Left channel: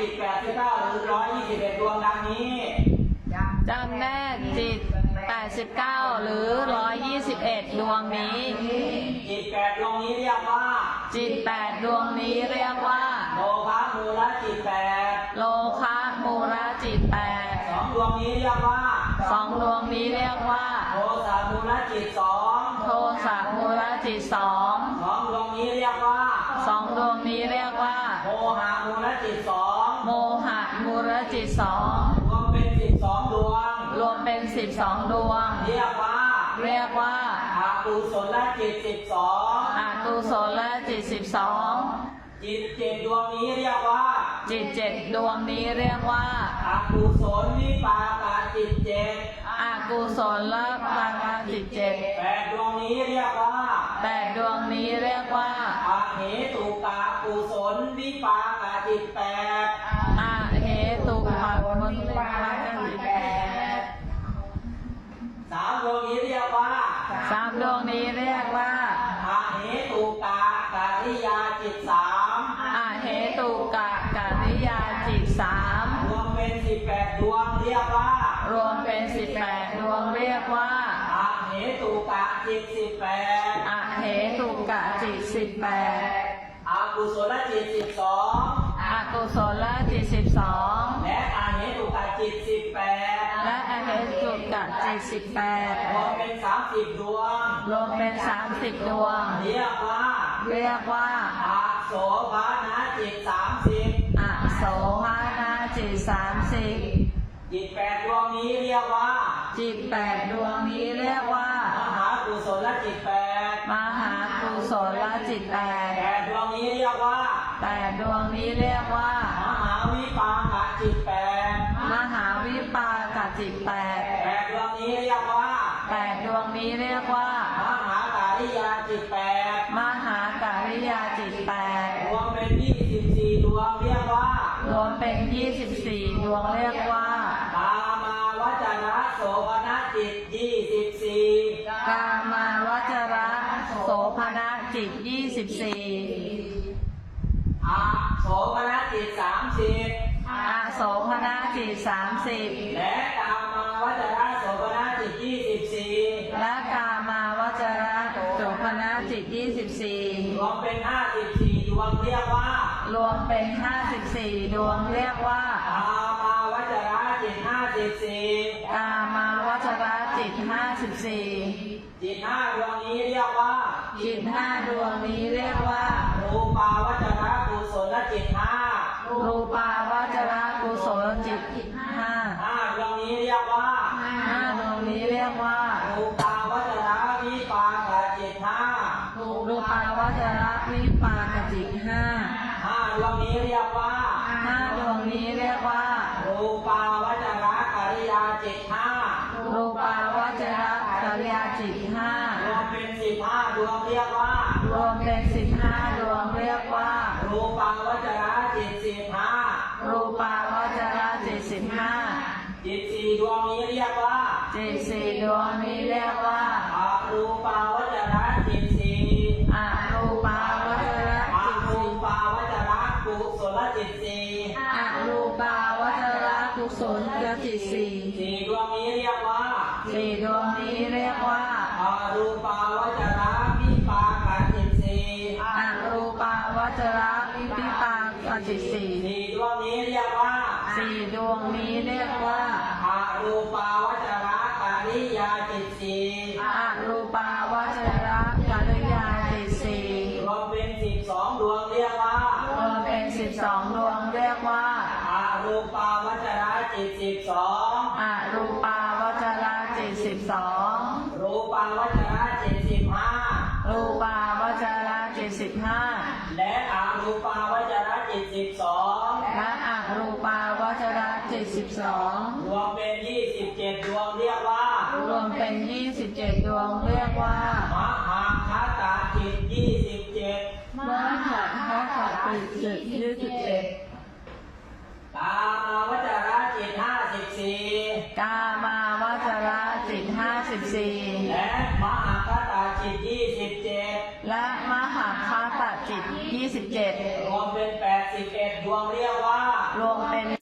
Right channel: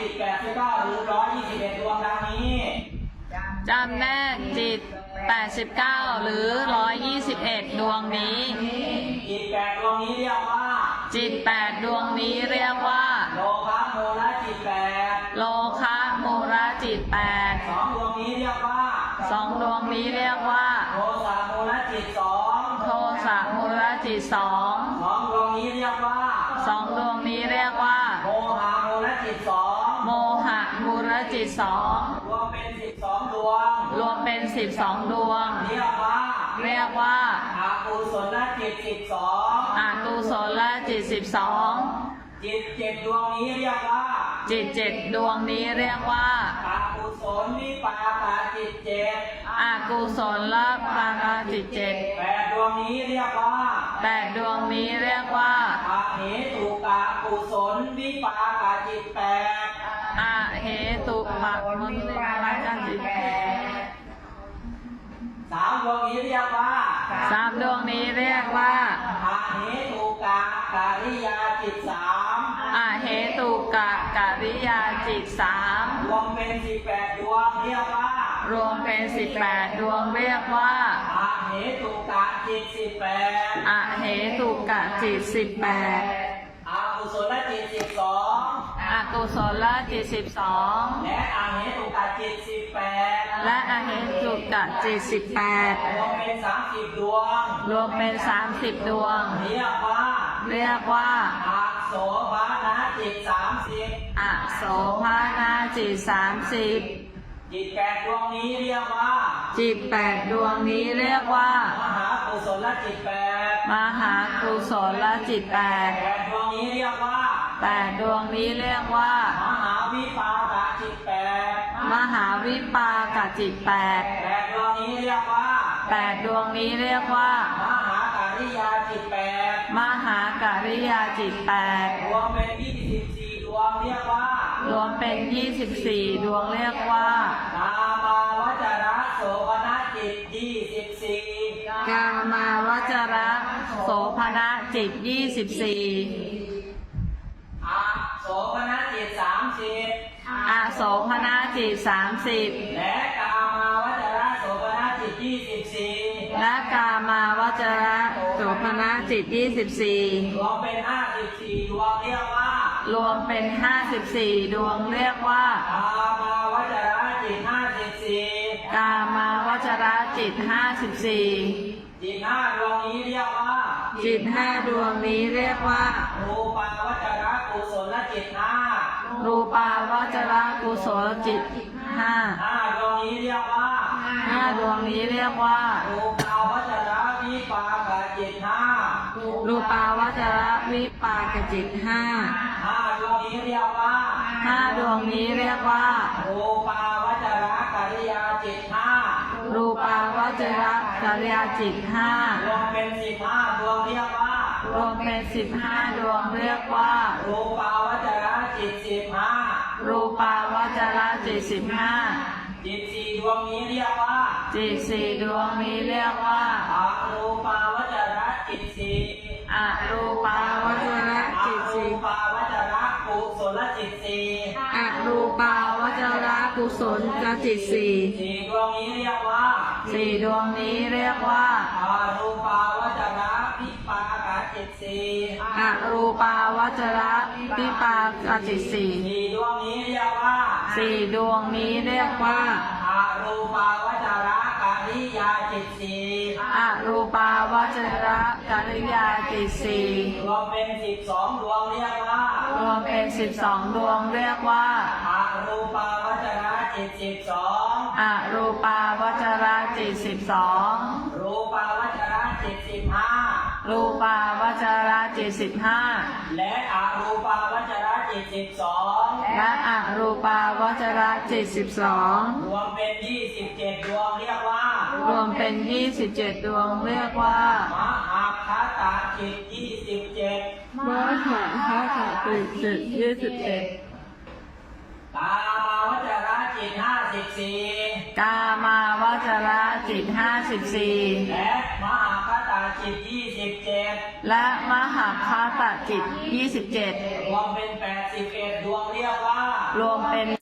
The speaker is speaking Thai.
จิตแปดสิบเก้าหรือร้อยยี่สิบเอ็ดดวงดังนี้จำแนกจิต 89 หรือ 121 ดวงนี้ จิตแปดดวงนี้เรียกว่า จิต 8 ดวงนี้เรียกว่า โลภะโมละจิตแปดโลคะมูระจิตสองดวงนี้เรียกว่า8สองดวงนี้เรียกว่า โทสะโมละจิตสองโทสะมูระจิตสองดวงนี้เรียกว่า2สองดวงนี้เรียกว่า มูระจิตรวมเป็นสิบสองดวง2รวมเป็น12ดวง เรียกว่าเรียกว่าอากุศลจิตสิบสองอากุศลจิต12จิตเจ็ดดวงนี้เรียกว่า จิตเจ็ดดวงนี้เรียกว่าอากุศลวิปากาจิตเจ็ดอากุศลละปรากาจิตเจ็ดแปดดวงนี้เรียกว่าแปดดวงนี้เรียกว่าอาเหตุกากุศลวิปากาจิตแปด วงนี้เรียกว่าสามดวงนี้เรียกว่าอาเหตุกาการิยาจิตสามอาเหตุกะกริยาจิตสามรวมเป็นสิบแปดดวงเรียกว่า รวมเป็นสิบแปดดวงเรียกว่าอาเหตุกะจิตสิบแปดอาเหตุกะจิตสิบแปดอากุศลจิตสิบสอง อากุศลจิตสิบสองและอาเหตุกะจิตสิบแปดและอาเหตุกะจิตสิบแปดรวมเป็นสามสิบดวง รวมเป็นสามสิบดวง เรียกว่า เรียกว่าอาโสภานะจิตสามสิบอโสภานาจิตสามสิบจิตแปดดวงนี้เรียกว่า จิตแปดดวงนี้เรียกว่า มหากุศลจิตแปดมหากุศลจิตแปดแปดดวงนี้เรียกว่า แปดดวงนี้เรียกว่า มหาวิปากะจิตแปดมหาวิปากจิตแปดแปดดวงนี้เรียกว่าแปดดวงนี้เรียกว่า มหาการิยาจิตแปดมหาการิยาจิตแปดรวมเป็นยี่สิบสี่ดวงเรียกว่า รวมเป็นยี่สิบสี่ดวงเรียกว่า กามาวจระโสภณจิตยี่สิบสี่กามาวจระโสภณจิตยี่สิบสี่อา โสภณจิตสามสิบอโสภณจิตสามสิบและกามาวจระโสภณจิตยี่สิบสี่และกามาวจระโสภณจิตยี่สิบสี่รวมเป็นห้าสิบสี่ดวงเรียกว่า รวมเป็นห้าสิบสี่ดวงเรียกว่ากามาวจระจิตห้าสิบสี่กามาวจระจิตห้าสิบสี่จิตห้าดวงนี้เรียกว่า จิตห้าดวงนี้เรียกว่า รูปาวจระกุศลจิตห้ารูปาวจระกุศลจิตห้าห้าดวงนี้เรียกว่าห้าดวงนี้เรียกว่า รูปาวจระวิปากจิตห้ารูปาวจระวิปากจิตห้าห้าดวงนี้เรียกว่าห้าดวงนี้เรียกว่า รูปาวจระกิริยาจิตห้ารูปาวจระ กริยาจิตห้ารวมเป็นสิบห้าดวงเรียกว่ารวมเป็นสิบห้าดวงเรียกว่า รูปาวจระจิตสิบห้ารูปาวจระจิตสิบห้าจิตสี่ดวงนี้เรียกว่า จิตสี่ดวงนี้เรียกว่าอารูปาวจระจิตสี่อรูปาวจระอาจิตรูสี่ปาวจระกุศลจิตสี่อรูปาวจ ระกุศลจิตสี่สี่ดวงนี้เรียกว่าสี่ดวงนี้เรียกว่าอารูปาวจระวิปากจิตสี่อรูปาวจระวิปากจิตสี่สี่ดวงนี้เรียกว่าสี่ดวงนี้เรียกว่าอารูปาวจระกิริยาจิตสี่อรูปาวจระกริยาจิตสี่รวมเป็นสิบสองดวงเรียกว่ารวมเป็นสิบสองดวงเรียกว่าอารูปาว จระจิตสิบสองอรูปาวจระจิตสิบสองรูปาวจระจิตสิบห้ารูปาวจระจิตสิบห้าและอารูปาวจระจิตสิบสองและอรูปาวจระจิตสิบสองรวมเป็นยี่สิบเจ็ดดวงเรียกว่า รวมเป็นยี่สิบเจ็ดดวงเรียกว่ามหาคาตาจิตยี่สิบเจ็ดมหาคาถาจิตจิตยี่สิบเอ็ด ตามาวจระจิตห้า สิบสี่กามาวจระจิตห้าสิบสี่และมหาคาตาจิตยี่สิบเจ็ดและมหาคาตจิตยี่สิบเจ็ดรวมเป็นแปดสิบเอ็ดดวงเรียกว่า รวมเป็น